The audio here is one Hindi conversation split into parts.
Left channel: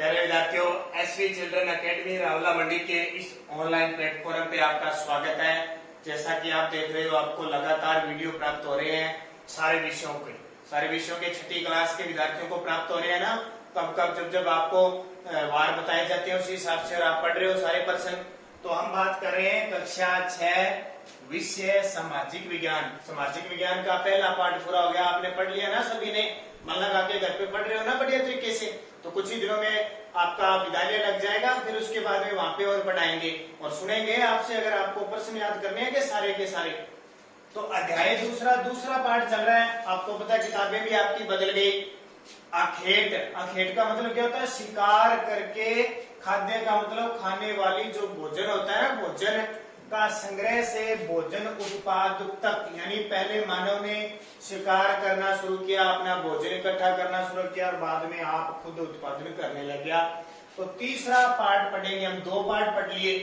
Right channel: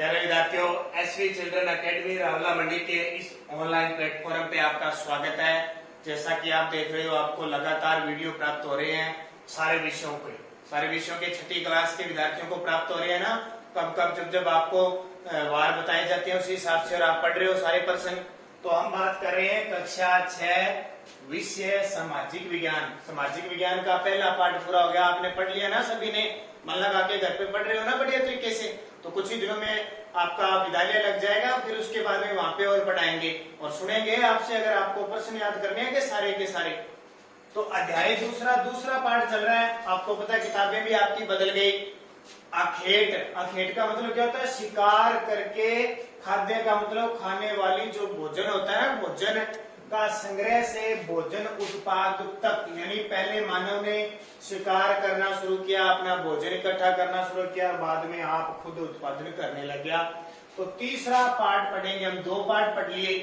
प्यारे विद्यार्थियों, एसवी चिल्ड्रन एकेडमी रावला मंडी के इस ऑनलाइन प्लेटफॉर्म पे आपका स्वागत है। जैसा कि आप देख रहे हो, आपको लगातार वीडियो प्राप्त हो रहे हैं सारे विषयों के छठी क्लास के विद्यार्थियों को प्राप्त हो रहे हैं ना। कब जब आपको वार बताए जाते हैं उसी हिसाब से आप पढ़ रहे हो सारे पर्सन। तो हम बात कर रहे हैं कक्षा 6 विषय सामाजिक विज्ञान। सामाजिक विज्ञान का पहला पाठ पूरा हो गया, आपने पढ़ लिया ना सभी ने। मन लगा के घर पे पढ़ रहे हो ना बढ़िया तरीके से। तो कुछ ही दिनों में आपका विद्यालय लग जाएगा, फिर उसके बाद में वहां पे और पढ़ाएंगे और सुनेंगे आपसे अगर आपको प्रश्न याद करने हैं के सारे। तो अध्याय दूसरा पाठ चल रहा है। आपको पता है किताबें भी आपकी बदल गई। अखेट का मतलब क्या होता है? शिकार करके। खाद्य का मतलब खाने वाली जो भोजन होता है ना, भोजन का संग्रह से भोजन उत्पाद तक। यानी पहले मानव ने शिकार करना शुरू किया, अपना भोजन इकट्ठा करना शुरू किया और बाद में आप खुद उत्पादन करने लग गया। तो तीसरा पाठ पढ़ेंगे हम। 2 पाठ पढ़ लिए।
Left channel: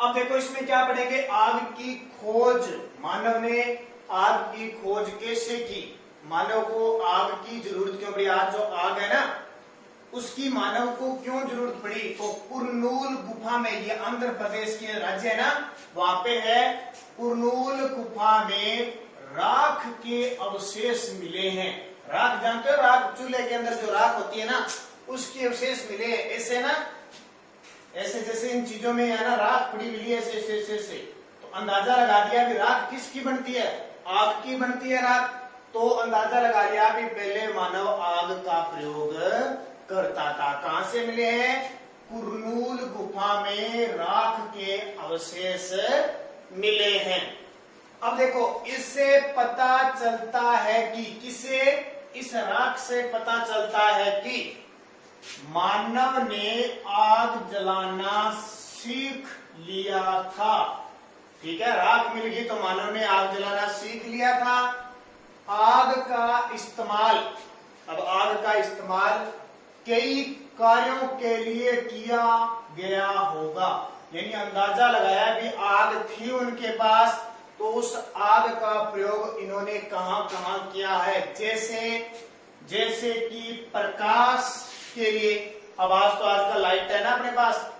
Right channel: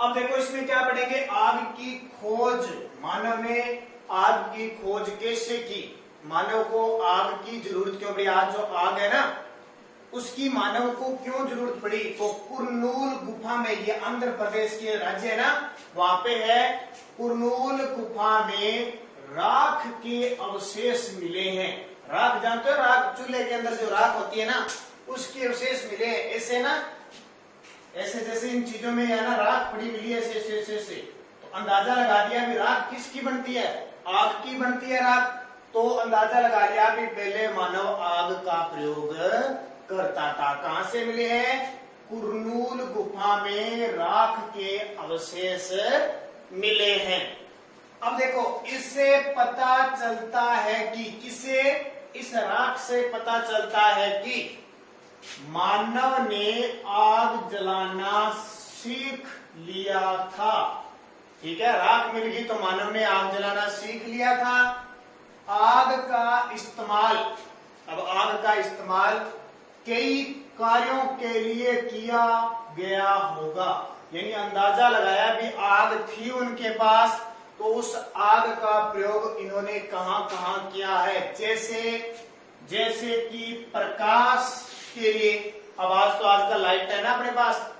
अब देखो इसमें क्या पढ़ेंगे? आग की खोज। मानव ने आग की खोज कैसे की? मानव को आग की जरूरत क्यों पड़ी? आज जो आग है ना, उसकी मानव को क्यों जरूरत पड़ी? तो कुरनूल गुफा में, ये आंध्र प्रदेश के राज्य है ना, वहां पे है। कुरनूल गुफा में राख के अवशेष मिले हैं। राख जानते हो? राख, चूल्हे के अंदर जो राख होती है ना, उसके अवशेष मिले हैं। ऐसे ना, ऐसे जैसे इन चीजों में है ना राख पड़ी मिली है, ऐसे। तो अंदाजा लगा दिया कि राख किसकी बनती है? आग की बनती है राख। तो अंदाजा लगा लिया कि पहले मानव आग का प्रयोग करता था। कहां से मिले हैं? कुरनूल गुफा में राख के अवशेष मिले हैं। अब देखो, इससे पता चलता है कि किसे? इस राख से पता चलता है कि मानव ने आग जलाना सीख लिया था। ठीक है, राख मिल गई तो मानव ने आग जलाना सीख लिया था। आग का इस्तेमाल, अब आग का इस्तेमाल कई कार्यों के लिए किया गया होगा। यानी अंदाजा लगाया कि आग थी उनके पास, तो उस आग का प्रयोग इन्होंने कहां कहां किया है। जैसे कि प्रकाश के लिए। अब आज तो आजकल लाइट है ना अपने पास,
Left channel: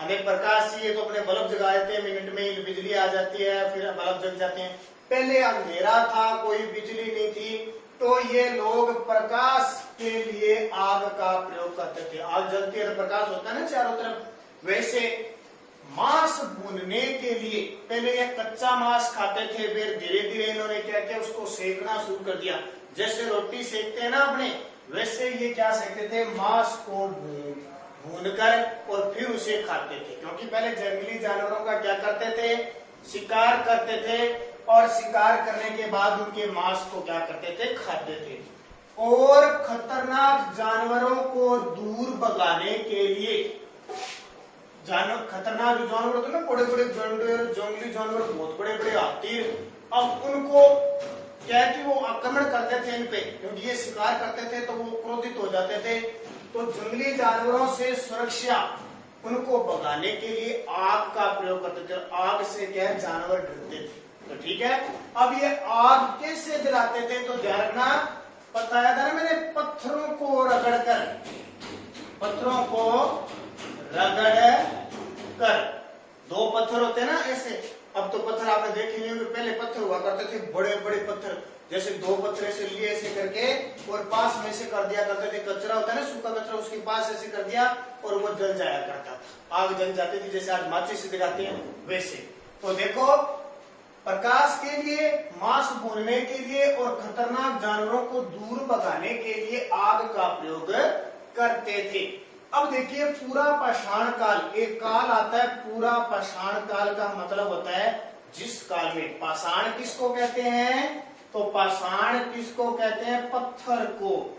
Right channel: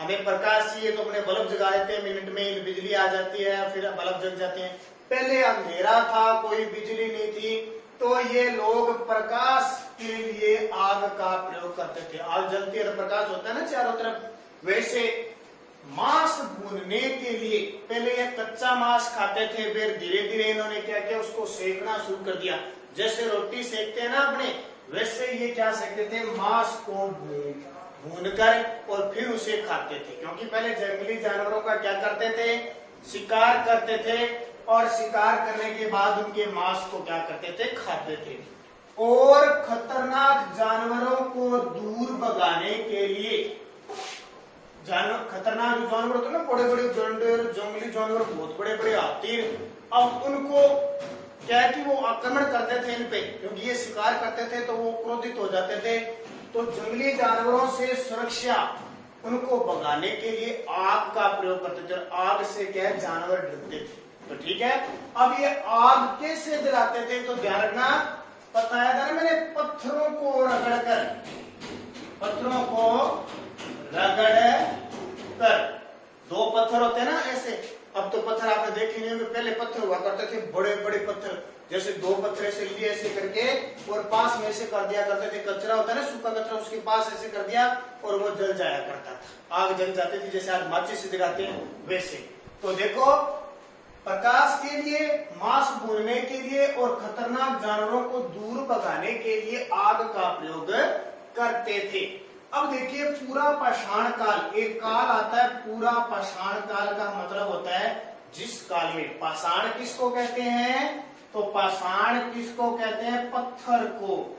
हमें प्रकाश चाहिए तो अपने बल्ब जगा देते हैं, मिनट में बिजली आ जाती है, फिर बल्ब जल जाते हैं। पहले अंधेरा था, कोई बिजली नहीं थी, तो ये लोग प्रकाश के लिए आग का प्रयोग करते थे। आग जलती है तो प्रकाश होता है ना चारों तरफ। वैसे मांस भूनने के लिए पहले ये कच्चा मांस खाते थे, फिर धीरे धीरे इन्होंने क्या किया, उसको सेकना शुरू कर दिया। जैसे रोटी सेकते हैं ना अपने, वैसे ये क्या सेकते थे? मांस को भूनकर और फिर उसे खाते थे। क्योंकि पहले जंगली जानवरों का क्या करते थे? शिकार करते थे, और शिकार करने के बाद उनके मांस को क्या करते थे? खाते थे। और खतरनाक जानवरों को दूर भगाने के लिए, खतरनाक जो जानवर होते हैं ना, बड़े बड़े जंगली जानवर, बहुत बड़े बड़े हाथी, अब उनको क्या है कि वो आक्रमण करते थे इन पे, क्योंकि ये शिकार करते थे तो वो क्रोधित हो जाते थे। तो जंगली जानवरों से सुरक्षा, उनको भगाने के लिए आग का प्रयोग करते थे। आग से क्या है, जानवर डरते थे। तो ठीक है, अब ये आग कैसे जलाते थे? तो ध्यान रखना, बताया था ना मैंने, पत्थरों को रगड़ कर। 2 पत्थर होते हैं ना ऐसे। अब तो पत्थर आपने देखे नहीं होंगे, पहले पत्थर हुआ करते थे, बड़े बड़े पत्थर। जैसे 2 पत्थर ऐसे लिए ऐसे करके और पास में ऐसे कर दिया करते थे। कचरा होता है ना, सूखा कचरा, उसके पास ऐसे कर दिया और वो जल जाया करता था। आग जल जाती थी, जैसे आज माचिस से जलाते हैं वैसे। तो देखो, प्रकाश के लिए, मांस भूनने के लिए और खतरनाक जानवरों को दूर भगाने के लिए आग का प्रयोग करते थे। अब देखिए, पूरा पाषाण काल, एक काल आता है पूरा पाषाण काल का मतलब होता है जिस काल में, पाषाण किसको कहते हैं? तो पाषाण किसको कहते हैं? पत्थर को।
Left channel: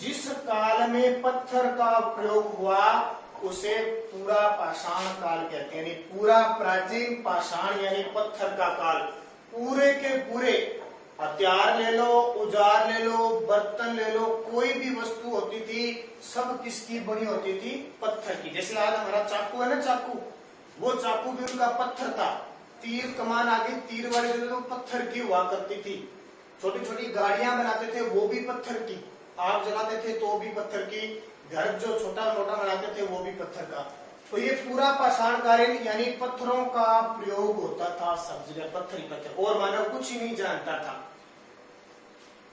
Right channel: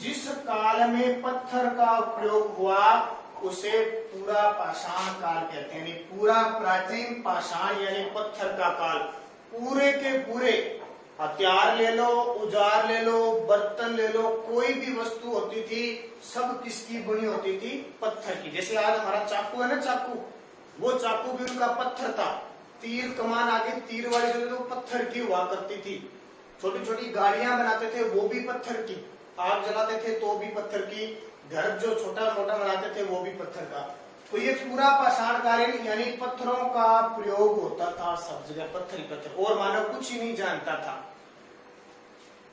जिस काल में पत्थर का प्रयोग हुआ उसे पूरा पाषाण काल कहते हैं। यानी पूरा प्राचीन पाषाण यानी पत्थर का काल। पूरे के पूरे हथियार ले लो, औजार ले लो, बर्तन ले लो, कोई भी वस्तु होती थी, सब किसकी बनी होती थी? पत्थर की। जैसे आज हमारा चाकू है ना, चाकू, वो चाकू भी उनका पत्थर था। तीर कमान आगे तीर वाले जो पत्थर की हुआ करती थी। छोटी छोटी गाड़ियां बनाते थे, वो भी पत्थर की। आग जलाते थे तो भी पत्थर की, घर जो छोटा मोटा बनाते थे वो भी पत्थर का। तो ये पूरा पाषाणकालीन यानी पत्थरों का प्रयोग होता था सब जगह, पत्थर ही पत्थर, और मानव कुछ ही नहीं जानता था।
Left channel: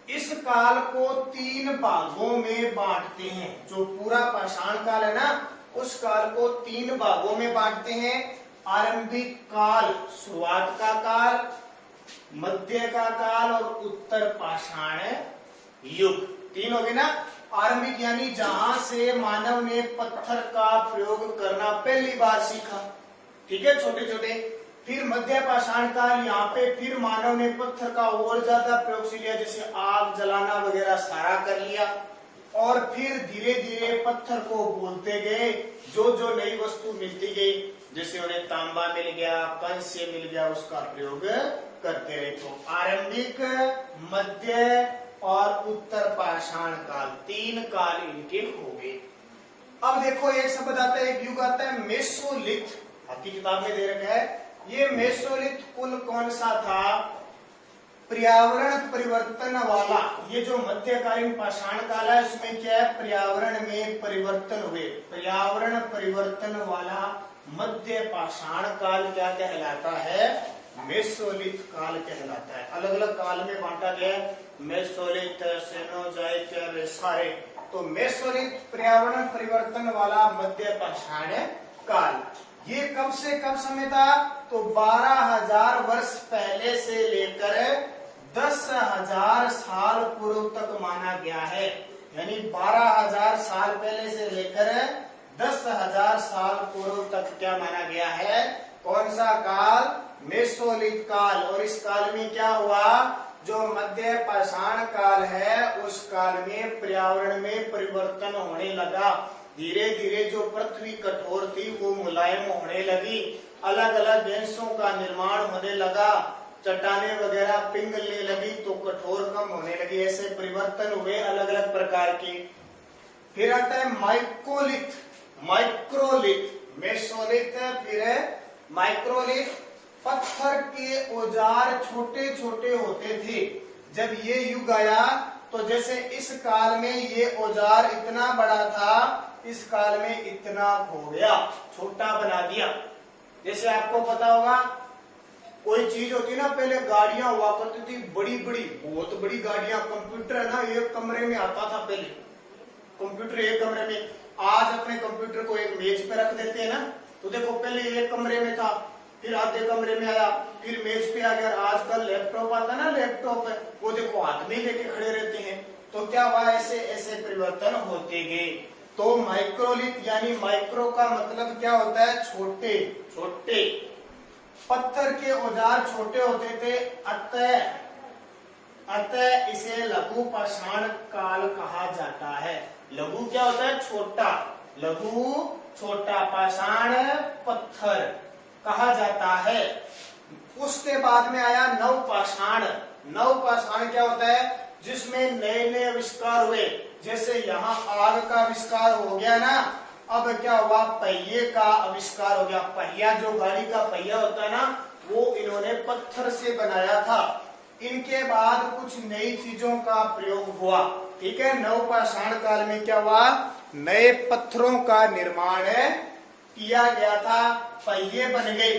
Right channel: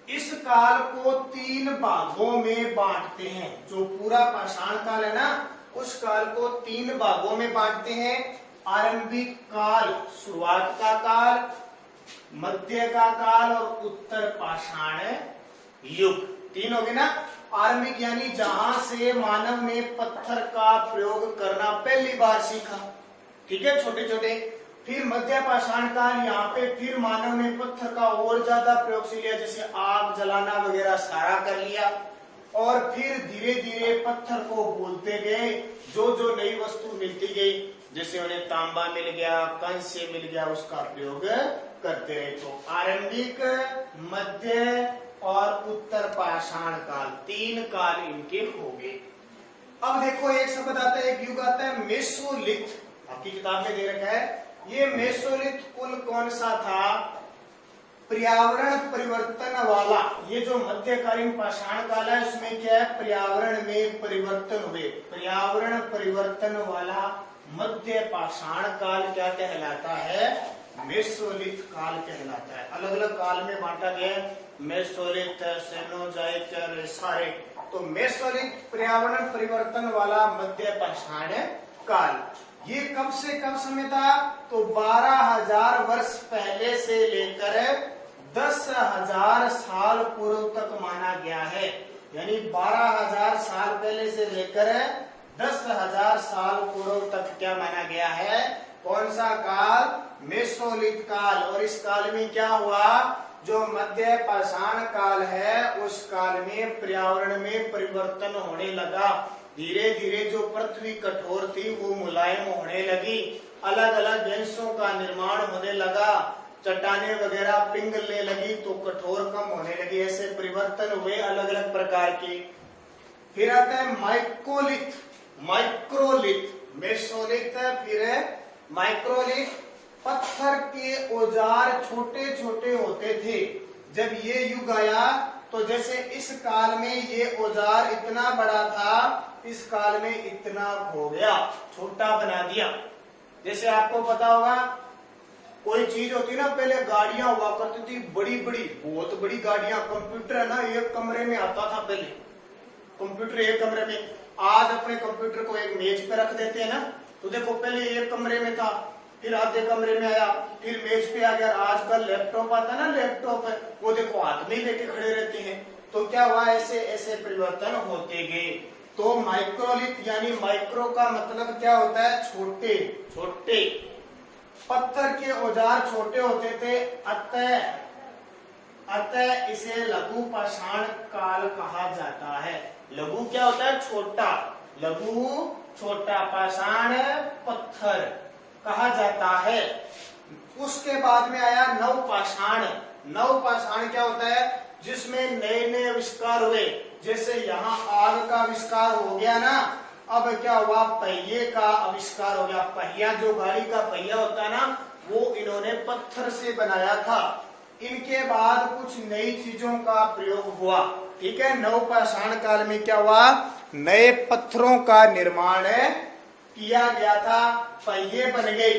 इस काल को 3 भागों में बांटते हैं। जो पूरा पाषाण काल है ना, उस काल को 3 भागों में बांटते हैं। आरंभिक काल, शुरुआत का काल, मध्य का काल और उत्तर पाषाण युग। 3 हो गए ना। आरंभिक यानी जहां से मानव ने पत्थर का प्रयोग करना पहली बार सीखा, ठीक है, छोटे छोटे। फिर मध्य पाषाण काल, यहाँ पे फिर मानव ने पत्थर का और ज्यादा प्रयोग से लिया, जैसे आग जलाना वगैरह सारा कर लिया। और फिर धीरे धीरे पत्थर को बोलते गए, जो जो नई वस्तु मिलती गई, जैसे उन्हें तांबा मिल गया, कंस्य मिल गया, उसका प्रयोग करते रहे। तो आरंभिक, मध्य और उत्तर पाषाण काल, 3 काल इनके हो गए। अब देखो एक शब्द आता है, एक युग आता है मेसोलिथ, आपकी किताब में दे रखा है। ये मेसोलिथ कुल कौन सा था? पर्यावरण परिवर्तन वाला। ये जो मध्यकालीन पाषाण काल है, उसमें क्या है, पर्यावरण में परिवर्तन हुए, पर्यावरण परिवर्तन वाला मध्य पाषाण काल क्या कहलाता है? मेसोलिथ काल कहलाता है। अलग अलग काल में बांटा गया, मेसोलिथ, सेनोजोइक, सारे। तो मेसोलिथ पर्यावरण परिवर्तन वाला मध्य पाषाण काल, ये कब से कब समय था? तो 12,000 वर्ष पहले से लेकर 10,000 साल पूर्व तक माना गया है। यानी 12,000 साल पहले से लेकर 10,000 साल पूर्व तक क्या माना गया है? कौन सा काल? मेसोलिथ काल। और इस काल में क्या हुआ? जो मध्य पाषाण काल है, उस काल में पर्यावरण में परिवर्तन होने लगा। धीरे धीरे जो पृथ्वी कठोर थी वो मुलायम होने लगी, अलग अलग गैसों का निर्माण होने लगा, चट्टाने वगैरह पिघलने लगी तो कठोर कम होने लगी। ऐसे परिवर्तन हुए अलग अलग प्रकार के। फिर आता है माइक्रोलिथ, माइक्रोलिथ, मेसोलिथ, फिर माइक्रोलिथ। पत्थर के औजार छोटे छोटे होते थे। जब ये युग आया तो जैसे इस काल में ये औजार इतना बड़ा था, इस काल में इतना हो गया, छोटा बना दिया। जैसे आपको पता होगा, कोई चीज होती ना, पहले गाड़ियां हुआ करती थी बड़ी बड़ी, बहुत बड़ी गाड़ियां। कंप्यूटर है ना, एक कमरे में आता था पहले, कंप्यूटर एक कमरे में। आज अपने कंप्यूटर को एक मेज पे रख देते हैं ना, तो देखो पहले एक कमरे में था, फिर आधे कमरे में आया, फिर मेज पे आ गया। आजकल लैपटॉप आता ना, लैपटॉप वो देखो हाथ में लेके खड़े रहते हैं। तो क्या हुआ, ऐसे ऐसे परिवर्तन होते गए। तो माइक्रोलिथ यानी माइक्रो का मतलब क्या होता है? छोटे छोटे। पत्थर के औजार छोटे होते थे, अतः इसे लघु पाषाण काल कहा जाता है। लघु क्या होता है? छोटा, लघु छोटा, पाषाण पत्थर कहा जाता है। उसके बाद में आया नवपाषाण। नवपाषाण क्या होता है? जिसमें नए नए आविष्कार हुए। जैसे यहाँ आग का आविष्कार हो गया ना, अब क्या हुआ? पहिए का आविष्कार हो गया। पहिया, जो गाड़ी का पहिया होता है ना, वो इन्होंने पत्थर से बनाया था। इनके बाद कुछ नई चीजों का प्रयोग हुआ, ठीक है। नवपाषाण काल में क्या हुआ? नए पत्थरों का निर्माण किया गया था, पहिए बन गए।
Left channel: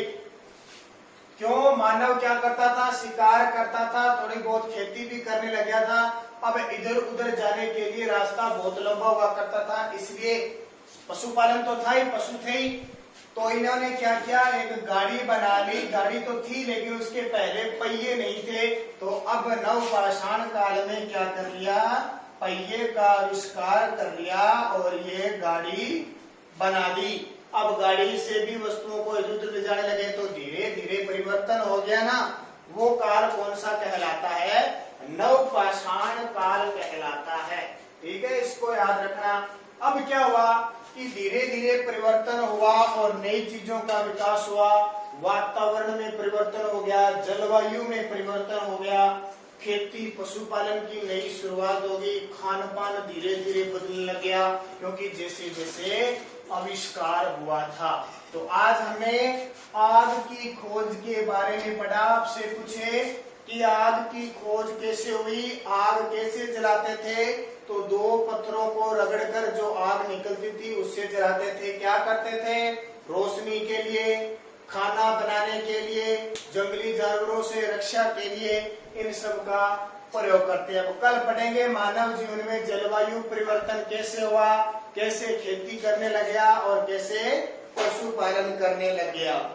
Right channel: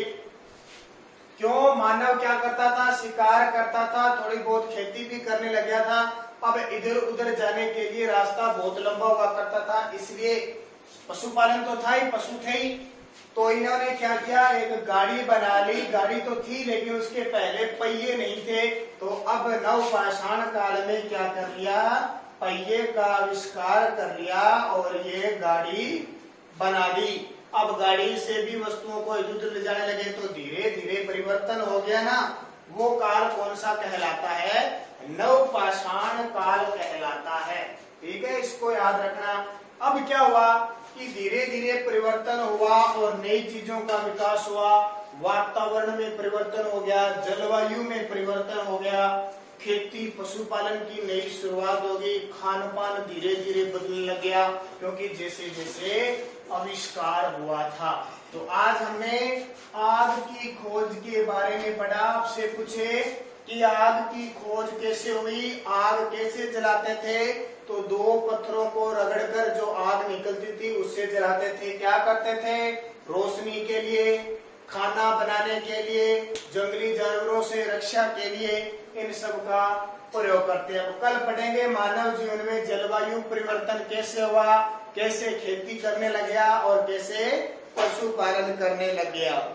क्यों? मानव क्या करता था? शिकार करता था, थोड़ी बहुत खेती भी करने लग गया था। अब इधर उधर जाने के लिए रास्ता बहुत लंबा हुआ करता था, इसलिए पशुपालन तो था ही, पशु थे ही। तो इन्होंने क्या किया? एक गाड़ी बना ली। गाड़ी तो थी लेकिन उसके पहले पहिए नहीं थे। तो अब नवपाषाण काल में क्या कर लिया? पहिए का आविष्कार कर लिया और ये गाड़ी बना दी। अब गाड़ी से भी वस्तुओं को इधर उधर ले जाने लगे तो धीरे धीरे परिवर्तन हो गया ना। वो काल कौन सा कहलाता है? नवपाषाण काल कहलाता है, ठीक है, इसको याद रखना। अब क्या हुआ कि धीरे धीरे परिवर्तन हुआ और नई चीजों का विकास हुआ। वातावरण में परिवर्तन हो गया, जलवायु में परिवर्तन हो गया, खेती पशुपालन की नई शुरुआत हो गई, खान पान धीरे धीरे बदलने लग गया, क्योंकि जैसे जैसे आविष्कार हुआ था। तो आज हमने आग की खोज के बारे में पढ़ा। आपसे पूछे कि आग की खोज कैसे हुई, आग कैसे जलाते थे, तो दो पत्थरों को रगड़कर जो आग निकलती थी उससे जलाते थे। क्या करते थे? रोशनी के लिए, खाना बनाने के लिए, जंगली जानवरों से रक्षा के लिए, इन सब का प्रयोग करते हैं। कल पढ़ेंगे मानव जीवन में जलवायु परिवर्तन कैसे हुआ, कैसे खेती करने लग गया और कैसे पशुपालन करने लग गया।